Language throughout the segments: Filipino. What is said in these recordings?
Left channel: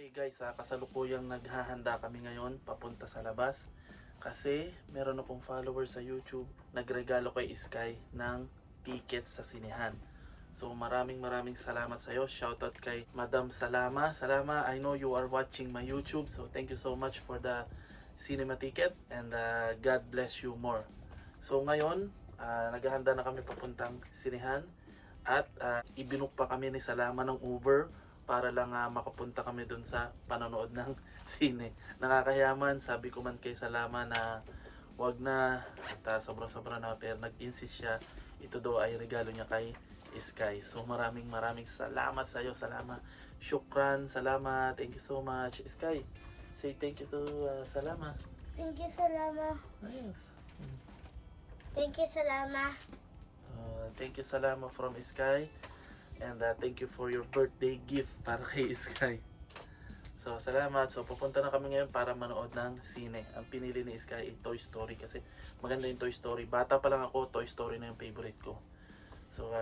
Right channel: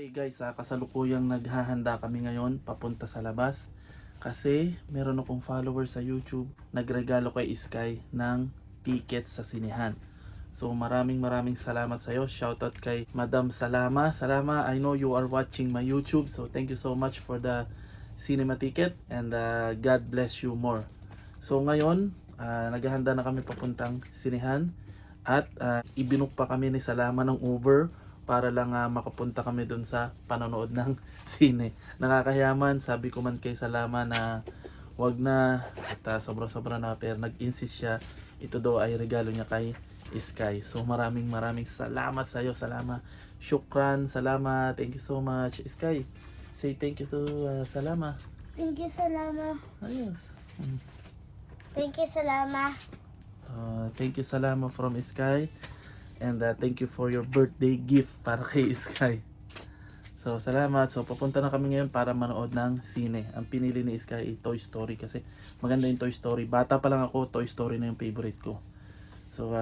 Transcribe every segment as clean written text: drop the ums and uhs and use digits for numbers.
Okay guys, kasalukuyang naghahanda kami ngayon papunta sa labas kasi meron akong follower sa YouTube nagregalo kay Sky ng tickets sa sinehan. So maraming salamat sa iyo. Shoutout kay Madam Salama. Salama, I know you are watching my YouTube, so thank you so much for the cinema ticket and God bless you more. So ngayon, naghahanda na kami papuntang sinehan at ibinook pa kami ni Salama ng Uber para lang makapunta kami dun sa panonood ng sine. Nakakayaman, sabi ko man kay Salama na wag na at sobra-sobra na, pero nag-insist siya. Ito daw ay regalo niya kay Sky. So maraming salamat sa iyo, Salama. Shukran, Salama. Thank you so much. Sky, say thank you to Salama. Thank you, Salama. Ayos. Thank you, Salama. Thank you, Salama from Sky. And thank you for your birthday gift para kay Sky. So salamat. So papunta na kami ngayon para manood ng sine. Ang pinili ni Sky ay Toy Story kasi maganda yung Toy Story. Bata pa lang ako, Toy Story na yung favorite ko. So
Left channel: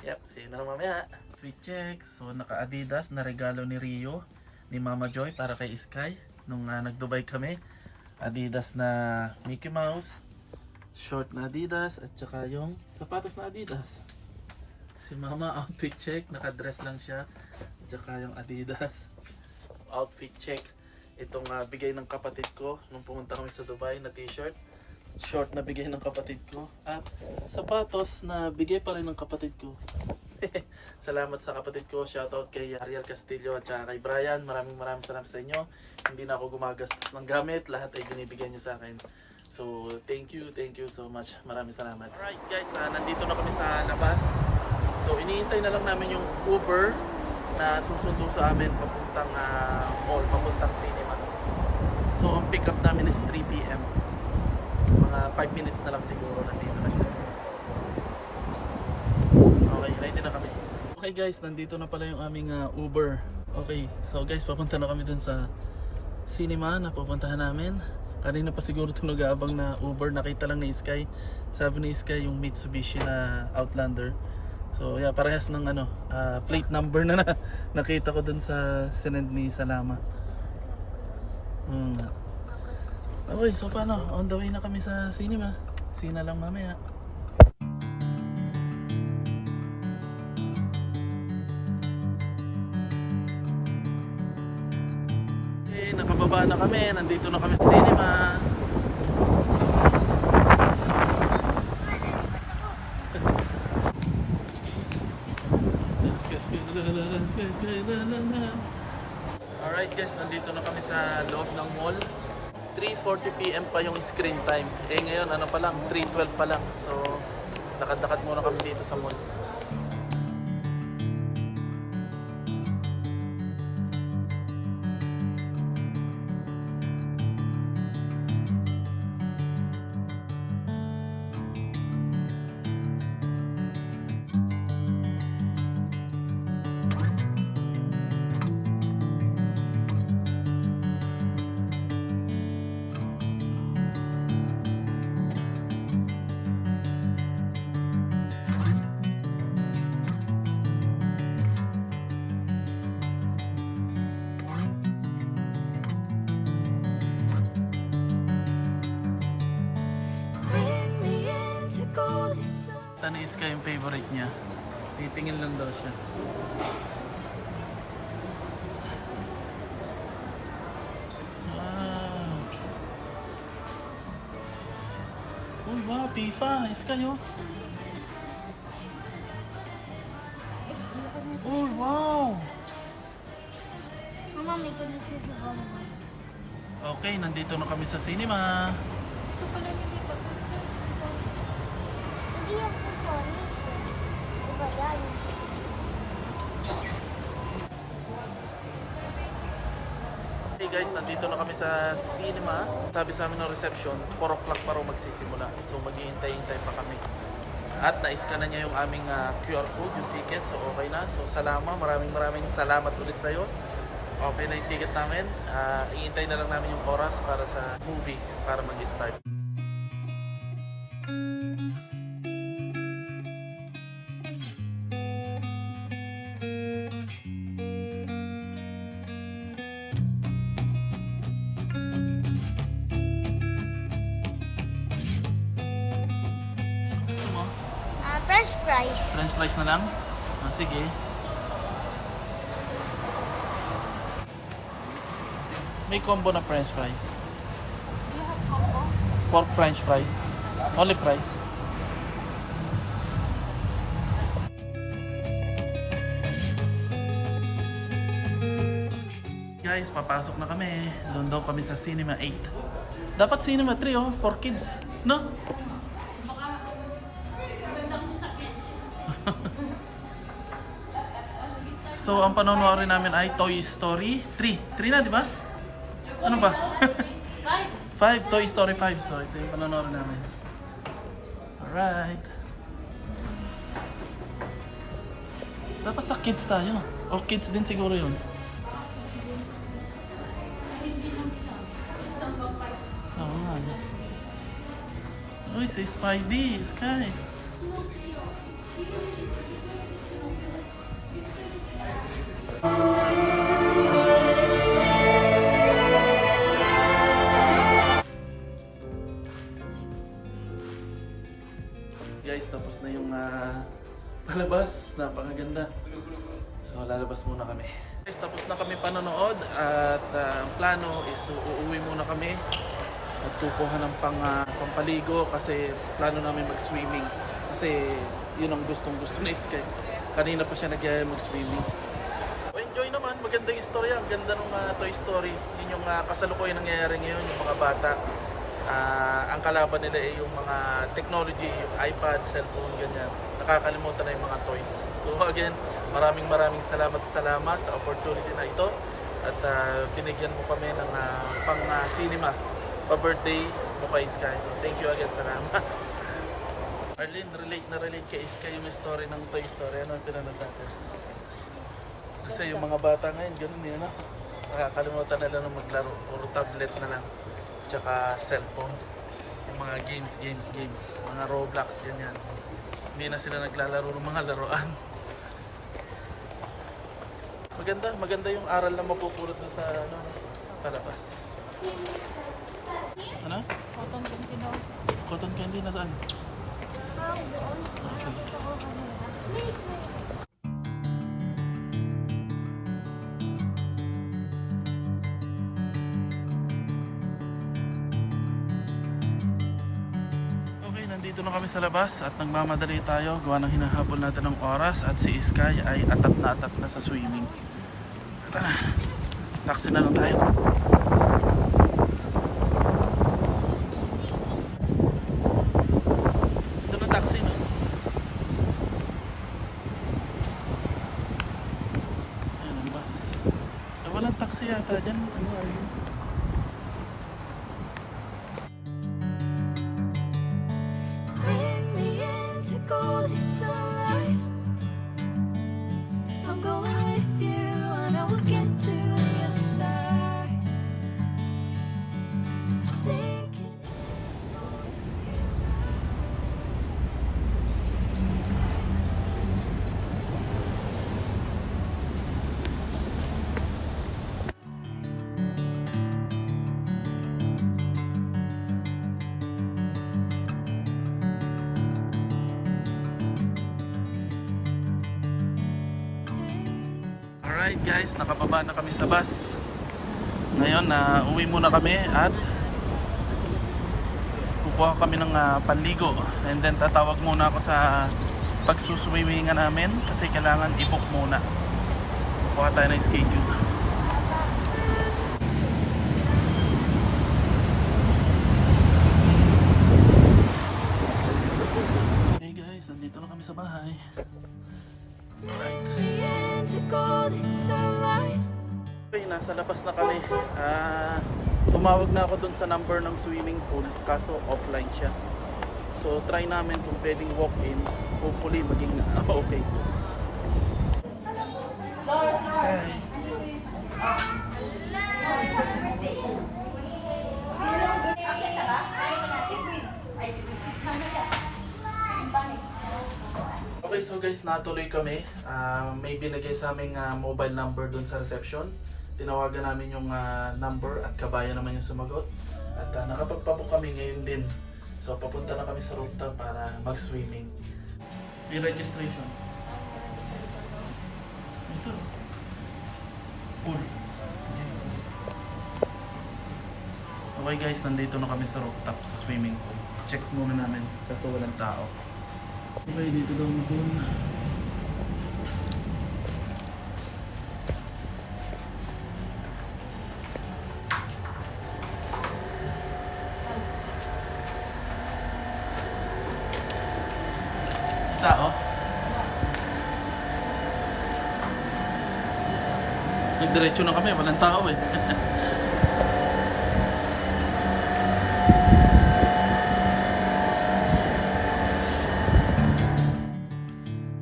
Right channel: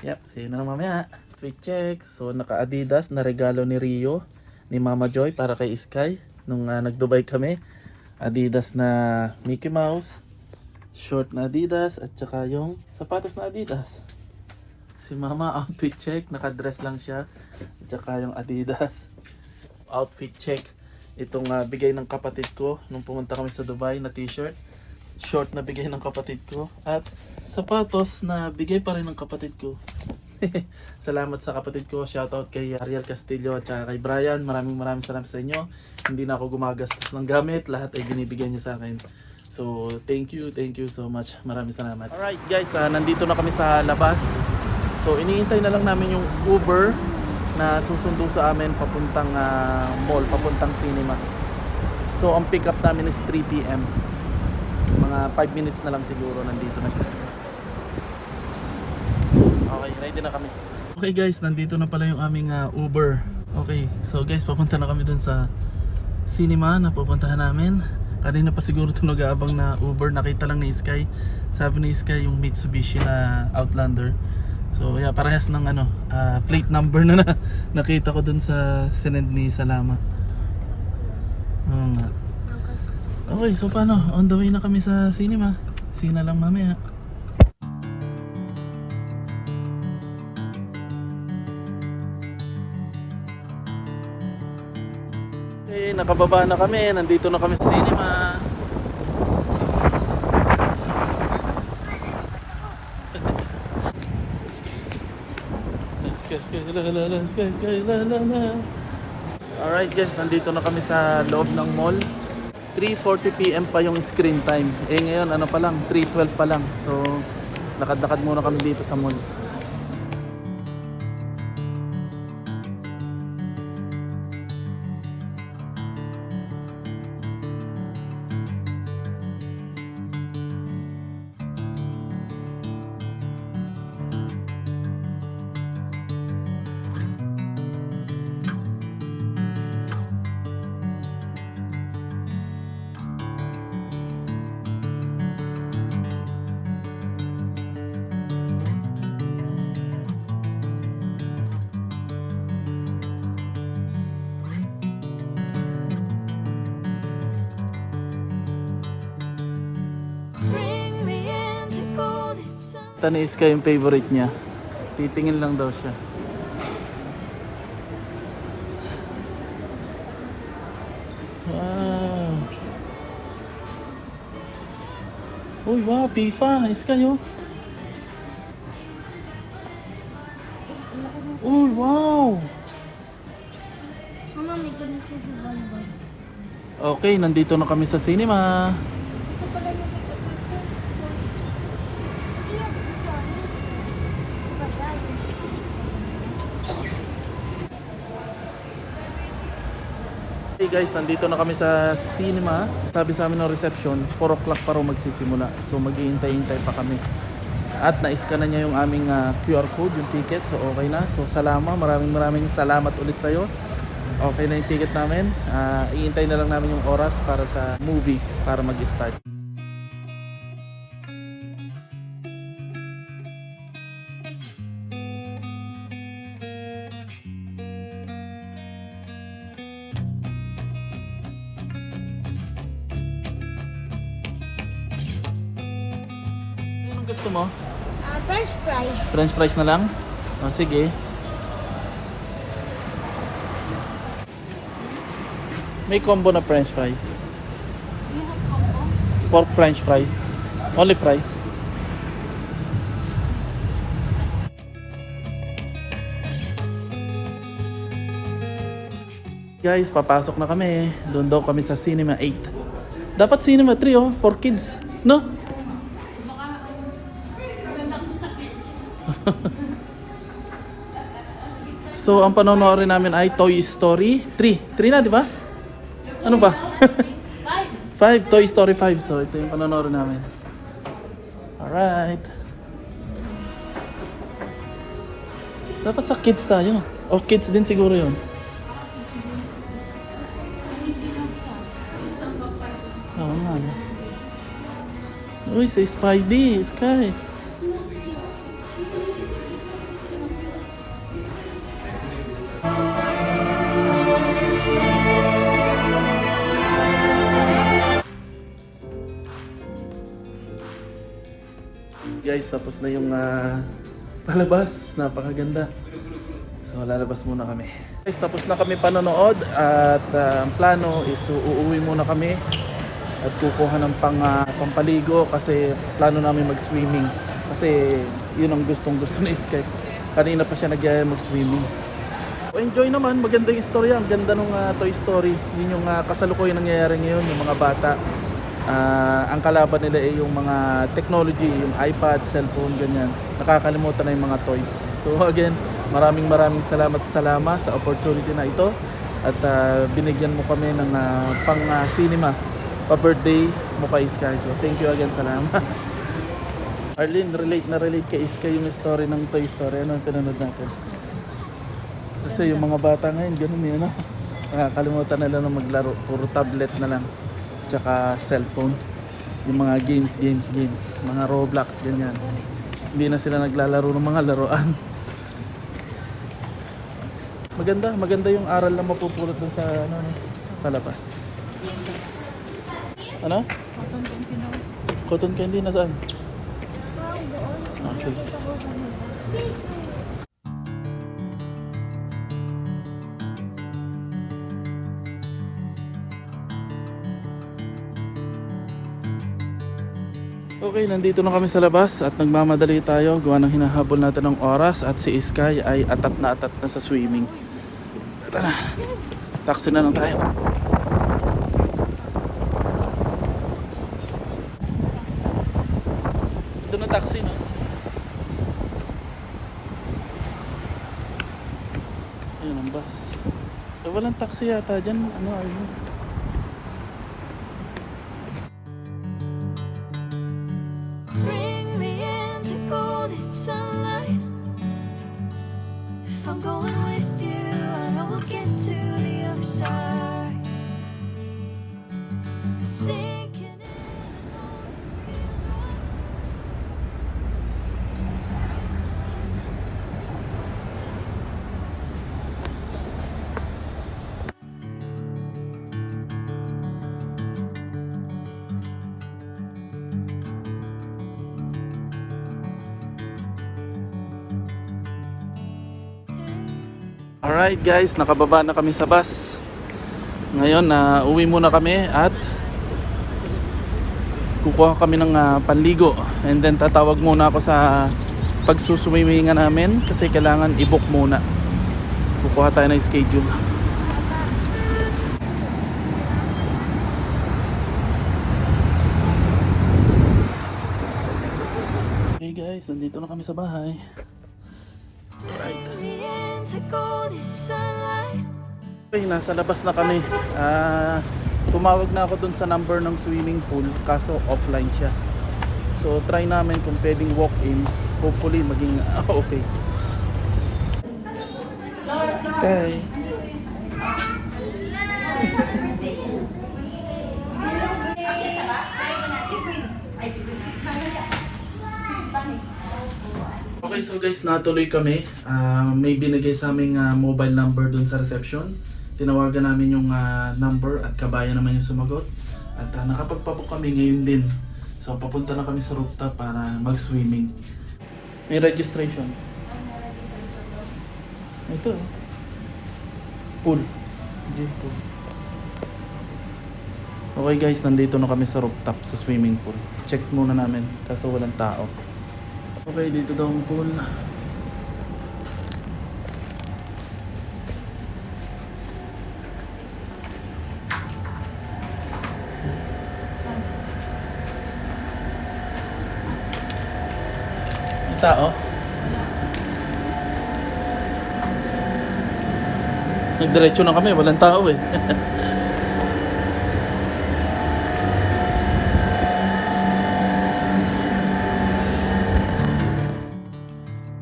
yep, see you na lang mamaya. Sweet checks. So naka Adidas na regalo ni Rio, ni Mama Joy para kay Sky nung nag-Dubai kami. Adidas na Mickey Mouse, short na Adidas at saka yung sapatos na Adidas. Si Mama, outfit check, nakadress lang siya. At saka yung Adidas outfit check. Itong bigay ng kapatid ko nung pumunta kami sa Dubai na t-shirt. Short na bigay ng kapatid ko. At sapatos na bigay pa rin ng kapatid ko. Salamat sa kapatid ko. Shoutout kay Ariel Castillo at saka kay Brian. Maraming salamat sa inyo. Hindi na ako gumagastos ng gamit. Lahat ay binibigay nyo sa akin. So thank you so much. Maraming salamat. Alright guys, nandito na kami sa labas. So iniintay na lang namin yung Uber na susundo sa amin papuntang mall, papuntang cinema. So ang pick up namin is 3 PM. Mga 5 minutes na lang siguro nandito na siya. Okay, ready na kami. Okay guys, nandito na pala yung aming Uber. Okay, so guys, papunta na kami dun sa cinema na pupuntahan namin. Kanina pa siguro ito nag-aabang na Uber. Nakita lang ni Sky. Sabi ni Sky yung Mitsubishi na Outlander. So yeah, parehas ng plate number na nakita ko dun sa sinend ni Salama. Okay, so paano? On the way na kami sa cinema. See na lang mamaya. Okay, nakababa na kami. Nandito na kami sa cinema. Alright guys, nandito na kami sa loob ng mall. 3:40 PM pa yung screen time. Ngayon ano pa lang, 3:12 pa lang. So lakad-lakad muna kami dito sa mall. Tanis ka yung favorite niya. Titingin lang daw siya. Wow. Uy, wow, FIFA. Is kayo? Uy, wow. Mama, may pinagsisigol ba? Okay, nandito na kami sa cinema. Ito pala nito. Hey guys, nandito na kami sa cinema. Sabi sa amin ng reception, 4 o'clock pa raw magsisimula. So mag-iintay-intay pa kami. At na-scan na niya yung aming QR code, yung ticket. So okay na. So maraming salamat ulit sa'yo. Okay na yung ticket namin. Iintay na lang namin yung oras para sa movie para mag-start. gusto mo? French fries. French fries na lang? O, sige. May combo na French fries. Pork French fries. Only fries. Guys, papasok na kami. Doon daw kami sa Cinema 8. Dapat Cinema 3 oh, for kids. No? So, ang panonoodin namin ay Toy Story 3. 3 na, di ba? Ano ba? 5. Toy Story 5. So, ito yung panonoodin namin. Alright. Dapat sa kids tayo. O kids din siguro yun. Oo nga. Uy, sa Spidey, Sky. Guys, tapos na yung palabas. Napakaganda. So, lalabas muna kami. Guys, tapos na kami panonood at ang plano is uuwi muna kami at kukuha ng pampaligo kasi plano namin mag-swimming. Kasi yun ang gustong-gusto ni Sky. Kanina pa siya nagyaya mag-swimming. Enjoy naman, maganda yung istorya. Ang ganda ng Toy Story. Yun yung kasalukuyan nangyayari ngayon, yung mga bata. Ang kalaban nila ay yung mga technology, yung iPad, cellphone, ganyan. Nakakalimutan na yung mga toys. So again, maraming salamat sa opportunity na ito. At binigyan mo kami ng pang-cinema, pa-birthday mo kay Sky. So thank you again, salamat. Arlene, relate kay Sky yung story ng Toy Story. Ano ang pinanood natin? Kasi yung mga bata ngayon, ganun yun, no? Nakakalimutan nila na maglaro. Puro tablet na lang. Tsaka cellphone. Yung mga games. Mga Roblox, ganyan. Hindi na sila naglalaro ng mga laruan. Maganda yung aral na mapupulot dun sa palabas. Ano? Cotton candy na saan? Ah, sige. Okay, nandito na kami sa labas at nagmamadali tayo gawa ng hinahabol natin ng oras at si Sky ay atat na sa swimming. Tara na, taxi na lang tayo. Ito na taxi, no? Ayun ang bus. Walang taxi yata dyan. Ano are you? Bring me into golden sunlight. If I'm going with you, I know we'll get to the other side. Sinking in, I know this feels right. Alright guys, nakababa na kami sa bus. Ngayon, uwi muna kami at kukuha kami ng panligo. And then tatawag muna ako sa pagsuswimingan namin kasi kailangan i-book muna. Kukuha tayo ng schedule. Okay guys, nandito na kami sa bahay. Alright. Okay, nasa labas na kami. Tumawag na ako dun sa number ng swimming pool kaso offline siya. So try namin kung pwedeng walk-in. Hopefully maging okay. Sky. Okay, so guys, natuloy kami. May binigay sa aming mobile number dun sa reception. Tinawagan namin yung number at kabayan naman yung sumagot. At nakapagpabook kami ngayon din So papunta na kami sa rooftop para mag-swimming. May registration. Ito. Pool. Gym pool. Okay guys, nandito na kami sa rooftop sa swimming pool. Check muna namin kaso walang tao. Okay, dito daw ang pool. May tao? Nagdiretso na kami, walang tao eh.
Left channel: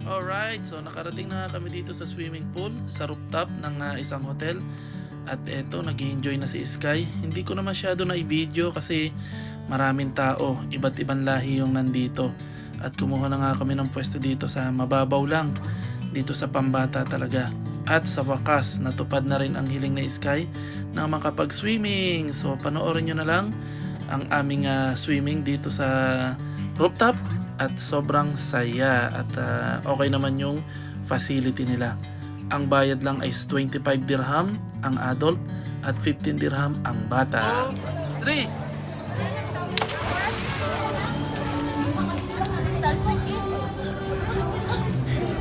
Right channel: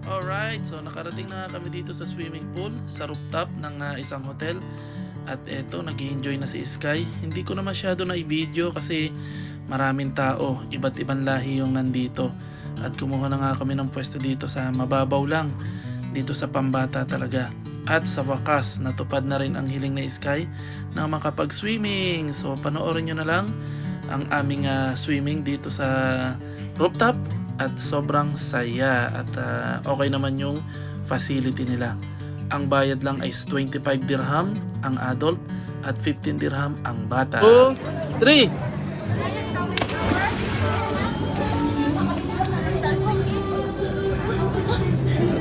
Alright, so nakarating na kami dito sa swimming pool, sa rooftop ng isang hotel. At eto, nag-enjoy na si Sky. Hindi ko na masyado na i-video kasi maraming tao, iba't ibang lahi yung nandito. At kumuha na nga kami ng pwesto dito sa mababaw lang, dito sa pambata talaga. At sa wakas, natupad na rin ang hiling ni Sky na makapag-swimming. So panoorin nyo na lang ang aming swimming dito sa rooftop. At sobrang saya at okay naman yung facility nila. Ang bayad lang ay 25 dirham ang adult at 15 dirham ang bata. 2, 3.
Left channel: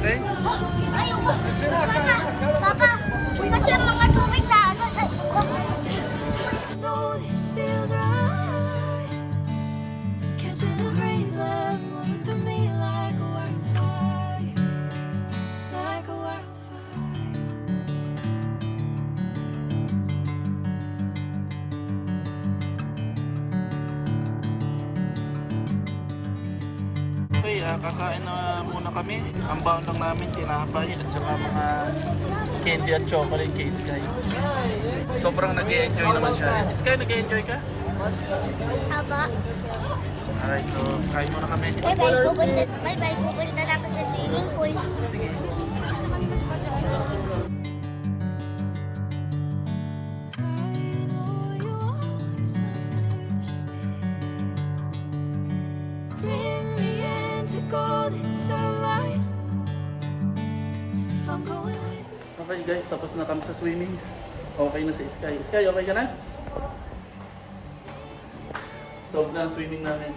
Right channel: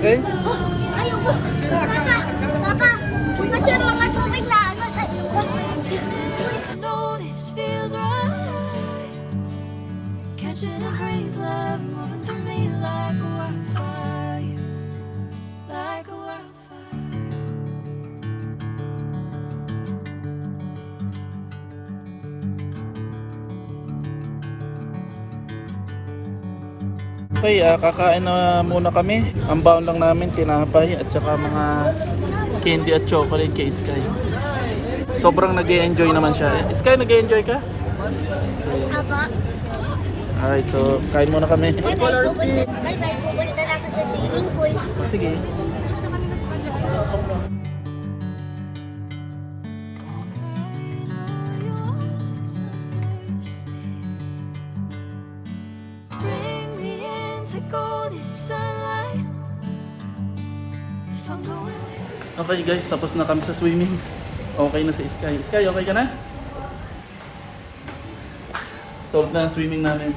Okay? Ayoko. Papa, kasi ang mga tubig na ano sa iyo. know this feels right. Catching a crazy love moving through me like a wildfire. Like a wildfire. Okay, kakain na muna kami. Ang baon lang namin, tinapay at saka mga candy at chocolate kay Sky. Sobrang nag-enjoy naman siya. Sky, nag-enjoy ka? Aba. Alright, so kain muna kami. Bye-bye. Pupunta na ako sa swimming pool. Sige. I know you always understand. Bring me into golden sunlight. If I'm going with Okay guys, tapos na kami sa swimming. Okay na si Sky. Sky, okay ka na? Solved na ang swimming namin.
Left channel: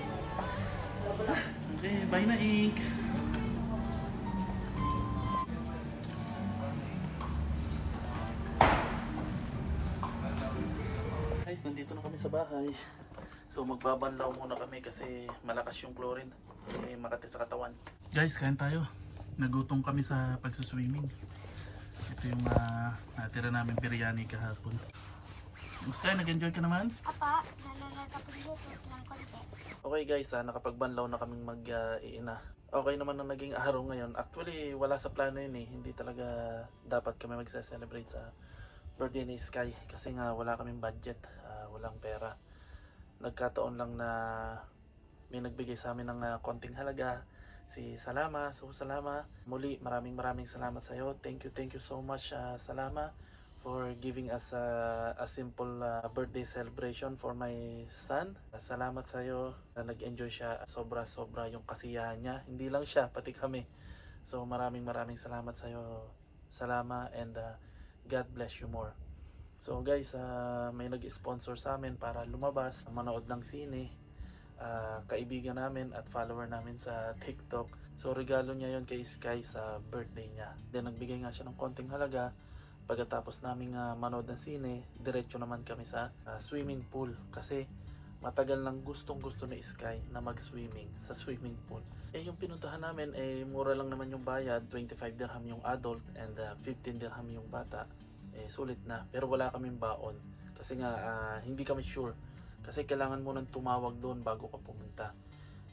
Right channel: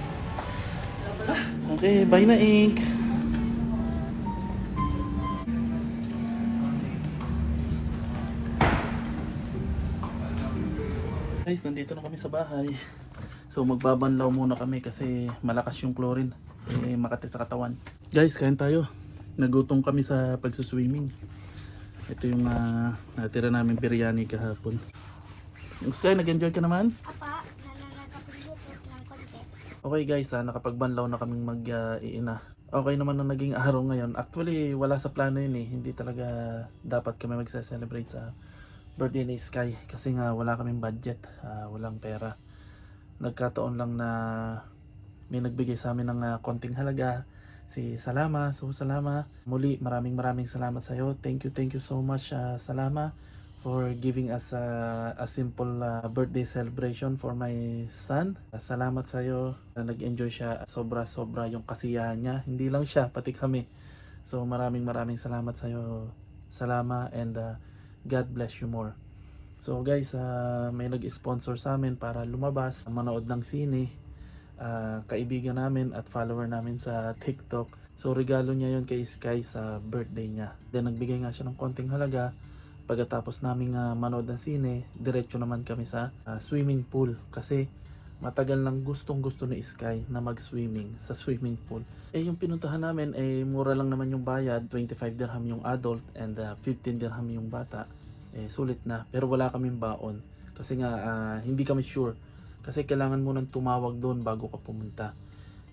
Okay, bye na Ink. Guys, nandito na kami sa bahay. So magbabanlaw muna kami kasi malakas yung chlorine. Makati sa katawan. Guys, kain tayo. Nagutom kami sa pagsuswimming. Ito yung natira namin biryani kahapon. Sky, nag-enjoy ka naman? Apa, nakapagluto ng konti. Okay guys, nakapagbanlaw na kaming mag-iina. Okay naman na naging araw ngayon. Actually, wala sa plano yun eh. Hindi talaga dapat kami magse-celebrate sa birthday ni Sky. Kasi nga wala kaming budget, walang pera. Nagkataon lang na may nagbigay sa amin ng konting halaga. Si Salama. So Salama, muli maraming salamat sa iyo. Thank you so much Salama for giving us a simple birthday celebration for my son. Salamat sa iyo. Nag-enjoy siya. Sobra yung kasiyahan niya. Hindi lang siya, pati kami. So maraming salamat sa iyo Salama, and God bless you more. So guys, may nag-sponsor sa amin para lumabas, manood ng sine. Kaibigan namin at follower namin sa TikTok. So regalo niya yon kay Sky sa birthday niya. Then nagbigay nga siya ng konting halaga. Pagkatapos naming manood ng sine, diretso naman kami sa swimming pool. Kasi matagal nang gustong gusto ni Sky na mag-swimming sa swimming pool. Yung pinuntahan namin mura lang naman yung bayad. 25 dirham yung adult and 15 dirham yung bata. Sulit na. Pero wala kaming baon. Kasi nga hindi kami sure. Kasi kailangan mo nang tumawag doon bago ka pumunta.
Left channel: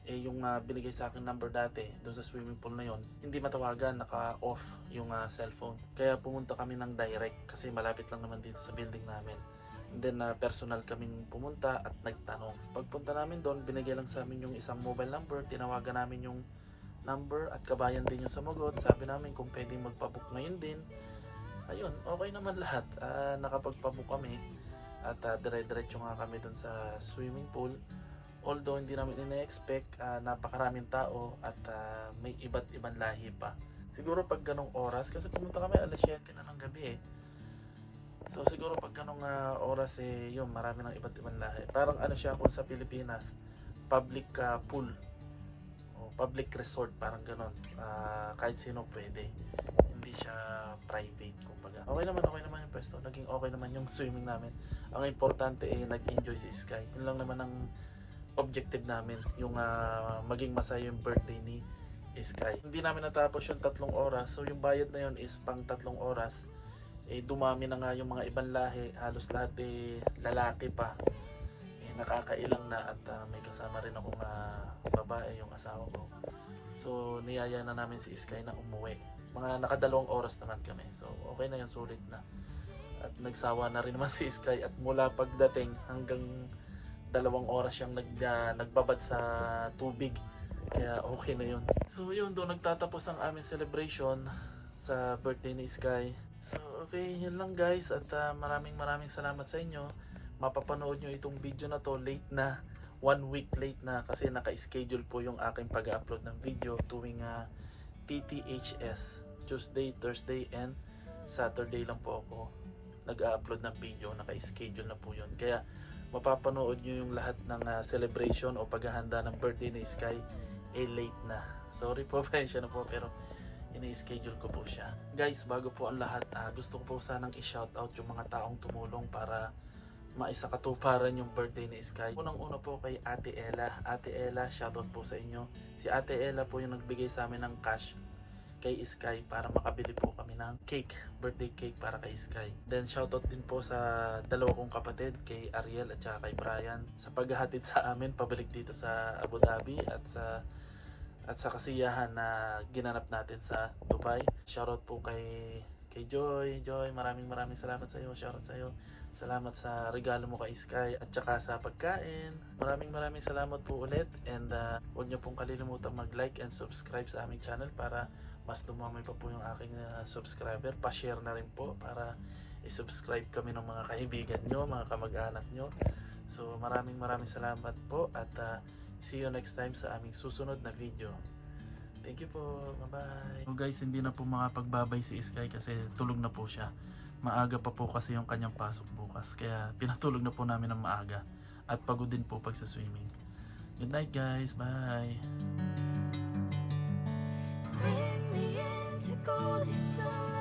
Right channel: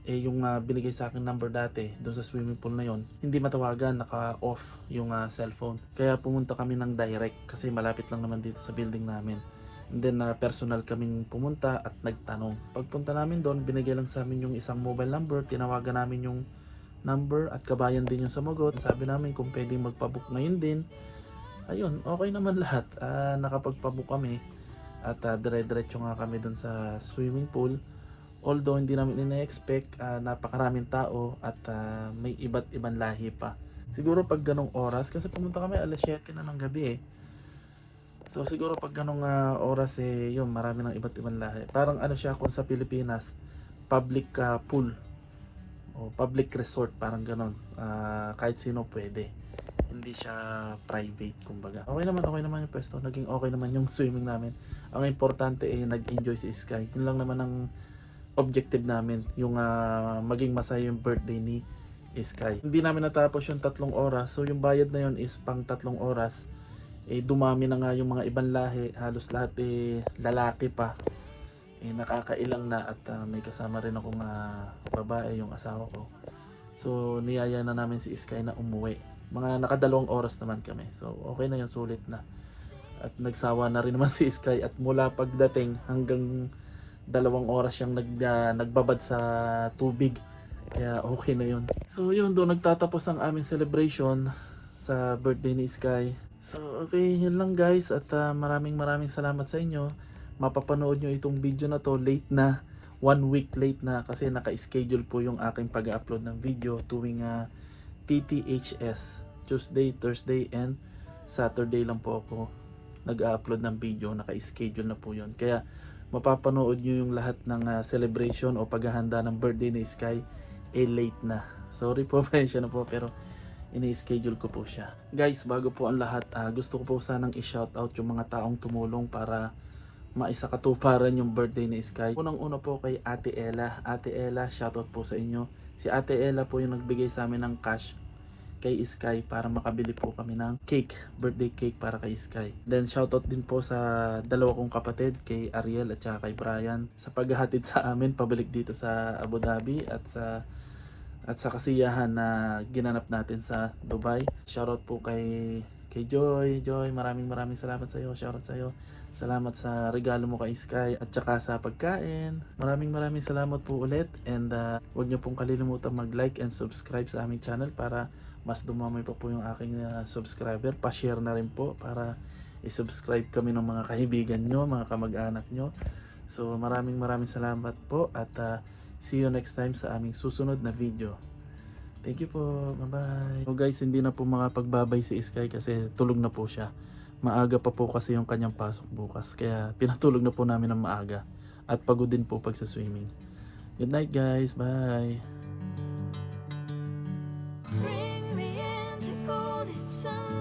Yung binigay sa akin number dati doon sa swimming pool na yon, hindi matawagan, naka-off yung cellphone. Kaya pumunta kami ng direct kasi malapit lang naman dito sa building namin. And then personal kaming pumunta at nagtanong. Pagpunta namin doon, binigay lang sa amin yung isang mobile number. Tinawagan namin yung number at kabayan din yung sumagot. Sabi namin kung pwedeng magpabook ngayon din. Ayun, okay naman lahat. Nakapagpabook kami. At dire-diretso nga kami dun sa swimming pool Although hindi namin ina-expect, napakaraming tao at may iba't ibang lahi pa. Siguro pag ganong oras, kasi pumunta kami alas 7 na ng gabi eh. So siguro pag ganong oras yun, marami ng iba't ibang lahi. Parang ano siya kung sa Pilipinas, public pool o public resort, parang ganon. Kahit sino pwede. Hindi siya private kumbaga. Okay naman yung pwesto. Naging okay naman yung swimming namin. Ang importante nag-enjoy si Sky. Yun lang naman ang objective namin, yung maging masaya yung birthday ni Sky. Hindi namin natapos yung 3 oras, so yung bayad na yun is pang 3 oras. Dumami na nga yung mga ibang lahi, halos lahat lalaki pa. Nakakailang na at may kasama rin akong babae, yung asawa ko. So niyaya na namin si Sky na umuwi. Mga nakadalawang oras naman kami, so okay na yun, sulit na. At nagsawa na rin naman si Sky at mula pagdating hanggang 2 oras siyang nagbabad sa tubig. Kaya okay na yun. So yun, doon nagtatapos ang aming celebration sa birthday ni Sky. So okay, yun lang guys. At maraming salamat sa inyo. Mapapanood nyo itong video na to late na. 1 week late na kasi naka-schedule po yung aking pag-upload ng video tuwing PTHS. Tuesday, Thursday, and Saturday lang po ako nag-upload ng video. Naka-schedule na po yun. Kaya mapapanood nyo yung lahat ng celebration o paghahanda ng birthday ni Sky late na. Sorry po, pasensya na po, pero ini-schedule ko po siya. Guys, bago po ang lahat, gusto ko po sanang i-shoutout yung mga taong tumulong para maisakatuparan yung birthday ni Sky. Unang-una po kay Ate Ella. Ate Ella, shoutout po sa inyo. Si Ate Ella po yung nagbigay sa amin ng cash kay Sky para makabili po kami ng cake, birthday cake para kay Sky. Then shoutout din po sa 2 kong kapatid, kay Ariel at saka kay Brian, sa paghahatid sa amin pabalik dito sa Abu Dhabi at sa kasiyahan na ginanap natin sa Dubai. Shoutout po kay Joy. Joy, maraming salamat sa iyo. Shoutout sa iyo. Salamat sa regalo mo kay Sky at saka sa pagkain. Maraming salamat po ulit, and huwag niyo pong kalilimutan mag-like and subscribe sa aming channel para mas dumami pa po yung aking subscriber. Pa-share na rin po para i-subscribe kami ng mga kaibigan nyo, mga kamag-anak nyo. So maraming salamat po at see you next time sa aming susunod na video. Thank you po. Bye-bye. So guys, hindi na po makapagbabay si Sky kasi tulog na po siya. Maaga pa po kasi yung kanyang pasok bukas. Kaya pinatulog na po namin ng maaga. At pagod din po pag sa swimming. Good night guys. Bye. Bring me into golden sunlight.